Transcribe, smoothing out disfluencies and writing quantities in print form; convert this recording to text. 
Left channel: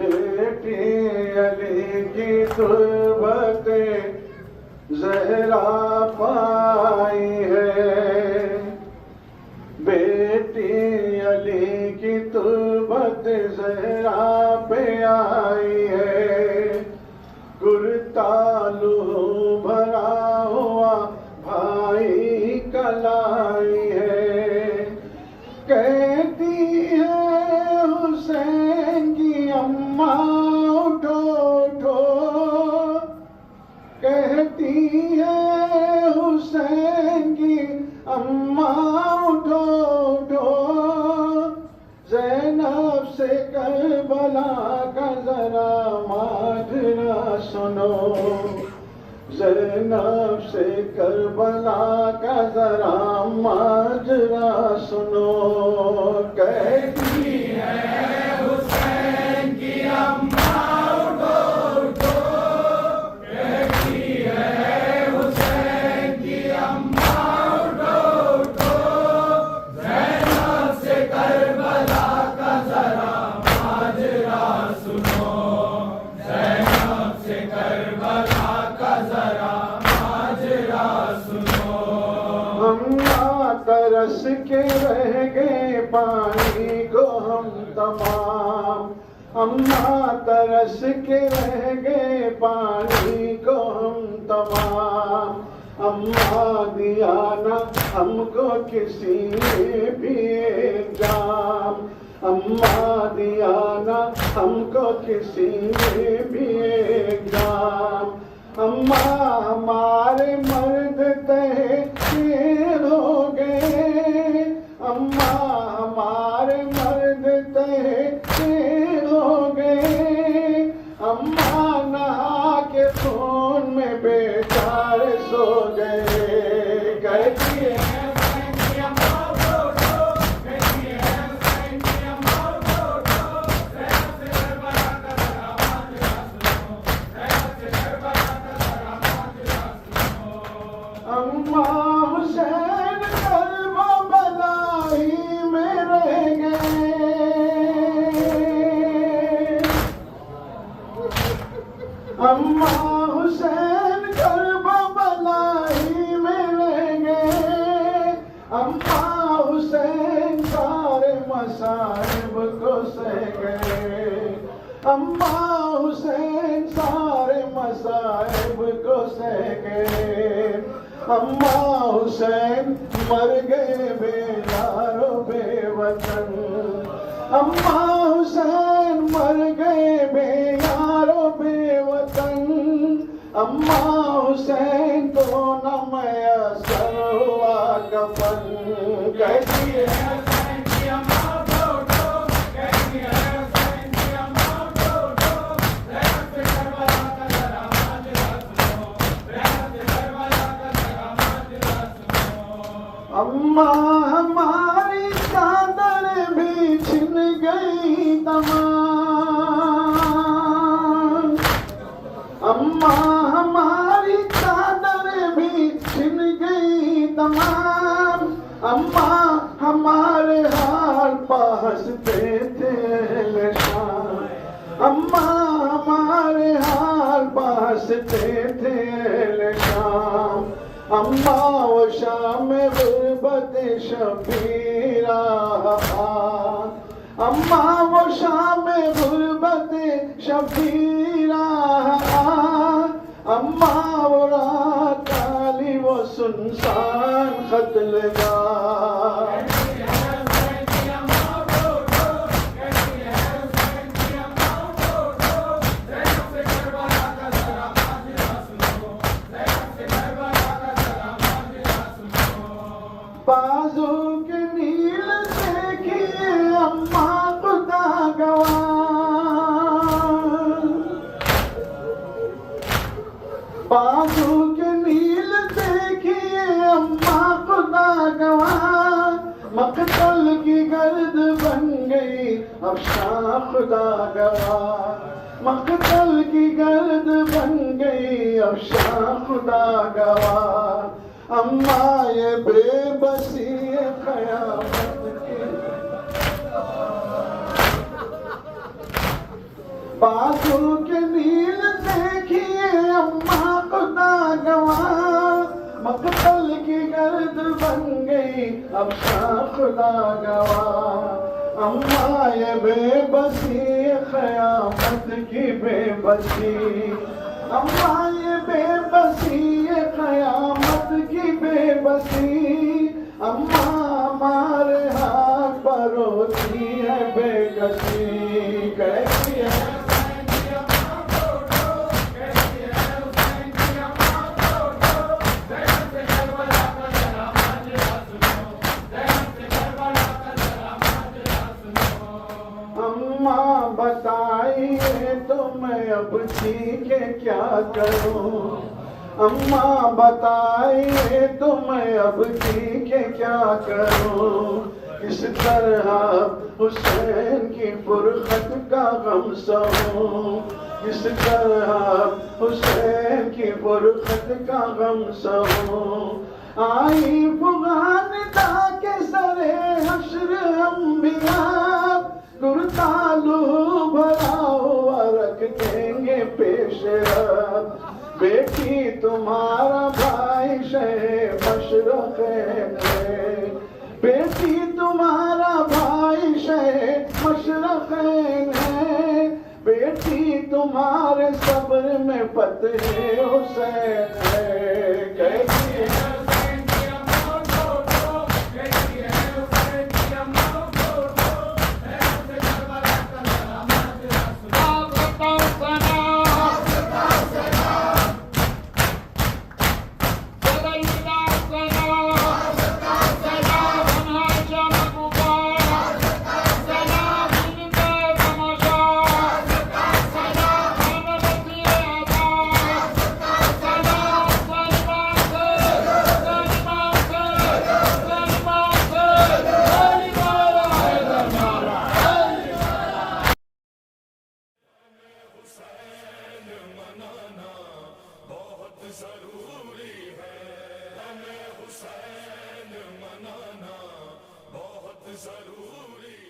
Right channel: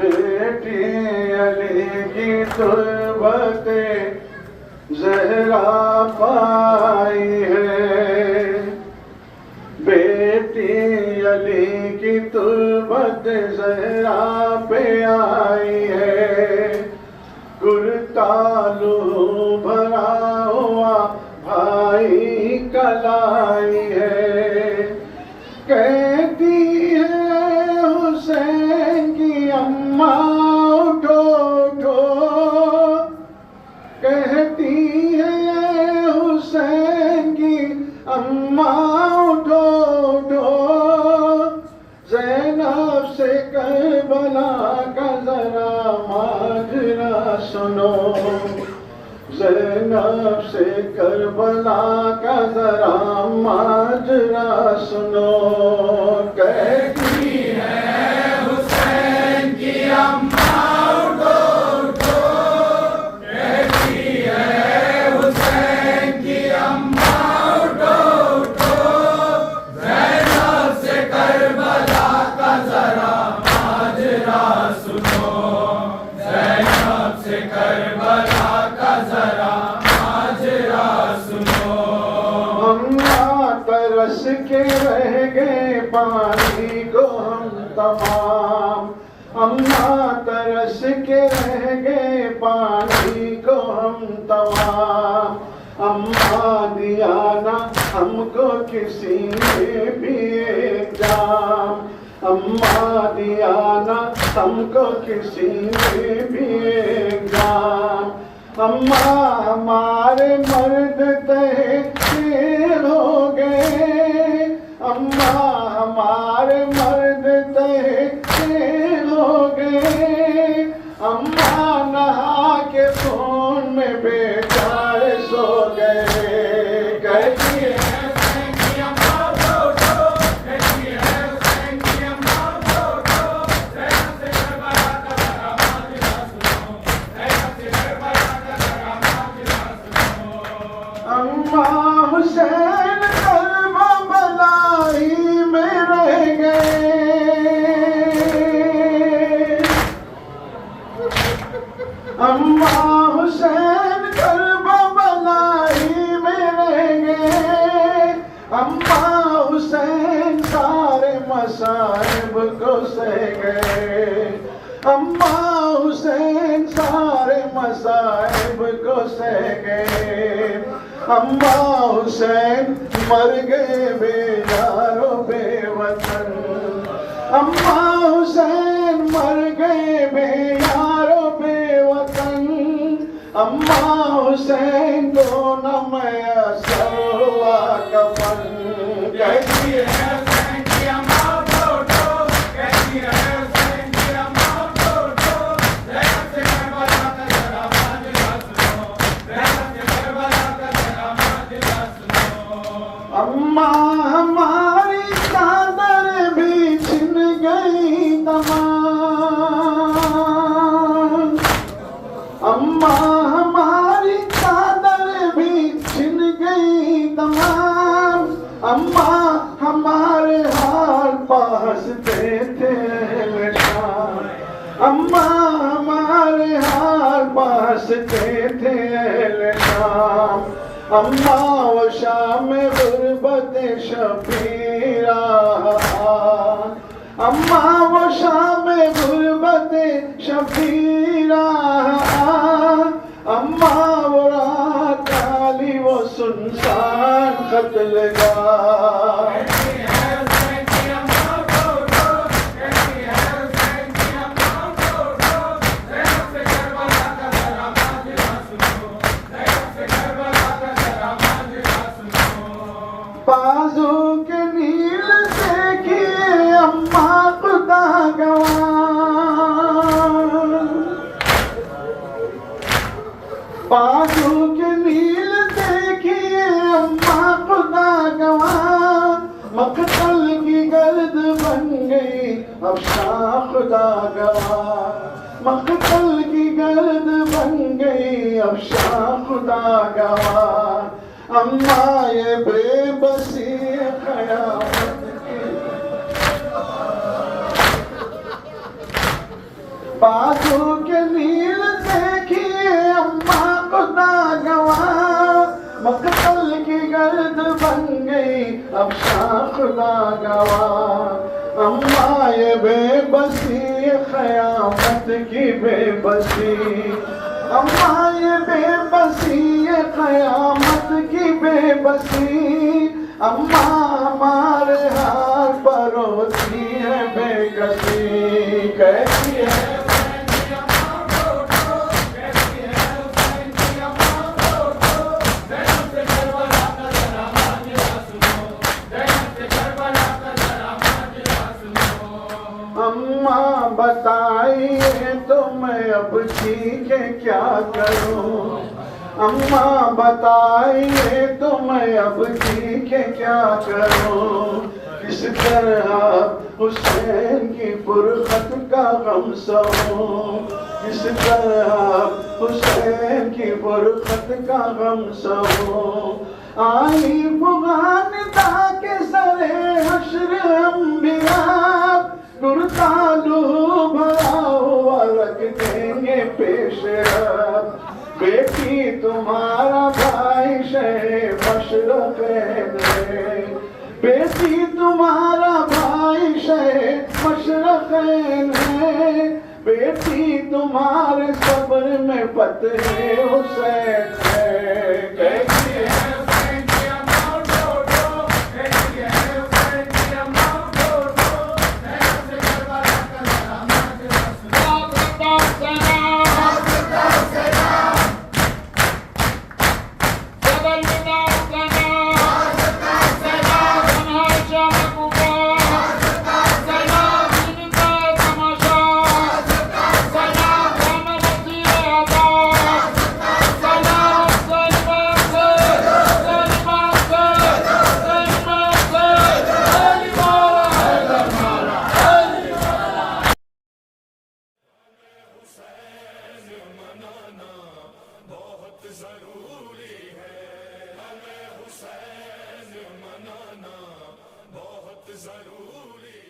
बेटी अली की तुर्बते ज़हरा पाई है, बेटी अली की तुर्बत ज़हरा पे आई है। गुरतालू भरा हुआ भाई कलाई है, कहती है हुसैन की अम्मा उठो उठो, कहती है हुसैन की अम्मा उठो उठो। ज़ैनब से करबला का जरा माजरा सुनो, ज़ैनब से करबला का जरा माजरा सुनो। कहती है हुसैन की अम्मा उठो उठो, कहती है हुसैन की अम्मा उठो उठो। ज़ैनब से करबला का जरा माजरा सुनो, ज़ैनब से करबला का जरा माजरा सुनो। अम्मा तरस के रह गए पानी को हम तमाम, अम्मा तरस के रह गए पानी को हम तमाम। अम्मा दिया ना हमको किसी ने भी एक जाम, अम्मा दिया ना हमको किसी ने भी एक जाम। अम्मा हमारे मर्द तहसीर हो गए, अम्मा हमारे मर्द तहसीर हो गए। अम्मा नहा के खून में बेचारे सो गए। कहती है अम्मा हुसैन करबला ही में रह गए, अम्मा हुसैन करबला ही में रह गए। अम्मा हुसैन सारे मसाइब को सह गए, अम्मा हुसैन सारे मसाइब को सह गए। अम्मा हुसैन मर गए बेयारो बेवतन, अम्मा हुसैन मर गए बेयारो बेवतन। अम्मा हुसैन तो न मैसर हुआ कफन। कहती है अम्मा हमारी चादर भी छिन गई तमाम, अम्मा हमारी चादर भी छिन गई तमाम। अम्मा हमारे हाल पहसते थे शाम, अम्मा हमारे हाल पहसते थे शाम। अम्मा वो शाम गुरबत शबीरा, अम्मा वो शाम गुरबत शबीरा। अम्मा वो रात काली वो सुनसान कत्लगाह। बाजू के नील देखिए अम्मा खुदा गवाह, बाजू के नील देखिए अम्मा खुदा गवाह। मकतल की गर्द बन गई अफशां खुदा गवाह, मकतल की गर्द बन गई अफशां खुदा गवाह। अम्मा ये बेबसी कयामत की, बाजू के नील देखिए अम्मा खुदा गवाह, मकतल की गर्द बन गई अब शाह खुदा गवाह। अम्मा ये बेबसी क़यामत की बेबसी, अम्मा ये बेबसी ये क़यामत की बेबसी, अम्मा हमारे हाथ पर रोती है बेकसी, कहती है अम्मा बताइए तो मैं अब जी के क्या करूं, अम्मा बताइए तो मैं अब जी के क्या करूं, किस तरह हुसैन की फुरकत का गम सहूं, किस तरह हुसैन की फुरकत का गम सहूं। आई अफगानिस्ता के सरे हश्र अंबिया, गुरतालू भरा हुआ रख देंगे पेश रब, बेटी तुम्हारा भाई शहे मशरक़ैन है, बेटी तुम्हारा भाई शहे मशरक़ैन है, बेटी तुम्हारे सब्र में फ़तेह हुसैन है, कहती है जरूरी है, हमें हुसैन मनाना बहुत जरूरी है।